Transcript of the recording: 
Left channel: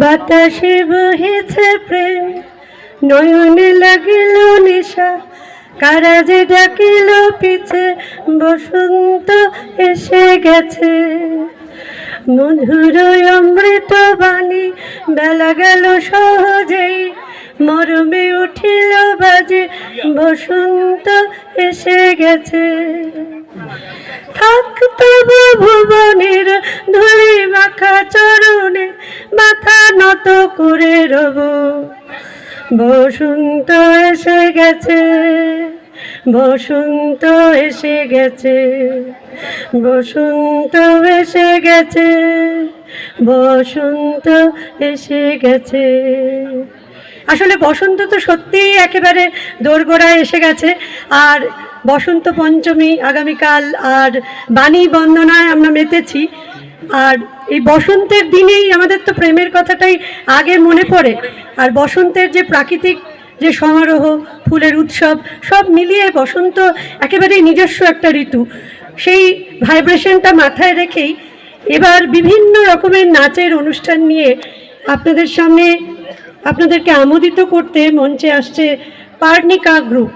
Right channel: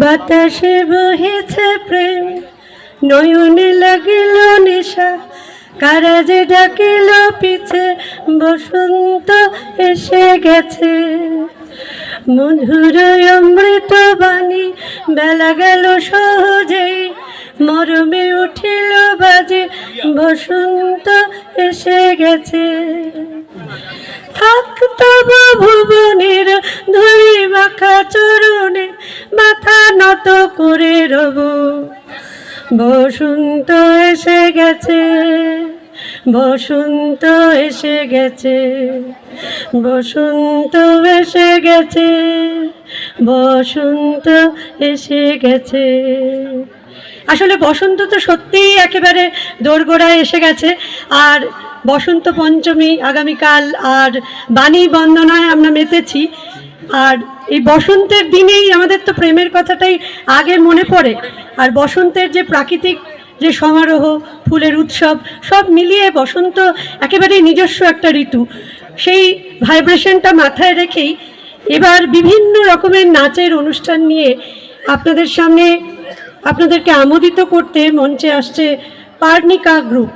বাতাসে বহেছে প্রেম, নয়নে লাগিল নেশা, কারা যে ডাকিল পিছে, বসন্ত এসে গেছে। মধুর অমৃত বাণী, বেলা গেল সহজেই, মরমে উঠিল বাজে, বসন্ত এসে গেছে। থাক তবু ভুবনের ধুলি মাখা চরণে, মাথা নত করে রব। বসন্ত এসে গেছে, বসন্ত এসে গেছে, বসন্ত এসে গেছে, বসন্ত এসে গেছে। আসলে বসন্ত তো সত্যিই একেবারে দোরগোড়ায় এসে গেছে। আর বসন্ত পঞ্চমী আগামীকাল, আর বাণী বন্দনায় আমরা মেতেছি। আর এই বসন্তের দিনেই আমাদের তো প্রেমের কথাটাই আগে মনে পড়ে। আর বসন্তের যে প্রাকৃতিক যে সমারোহ, ফুলের উৎসব, সব মিলিয়ে বসন্ত একেবারেই নিজস্ব একটা ঋতু। সেই ভাইব্রেশনটা মাথায় রেখেই এবার বিভিন্ন রকমের নাচের অনুষ্ঠান নিয়ে আপনাদের সামনে আপনাদেরকে আমোদিত করতে মঞ্চে আসছে পার্নিকা গ্রুপ।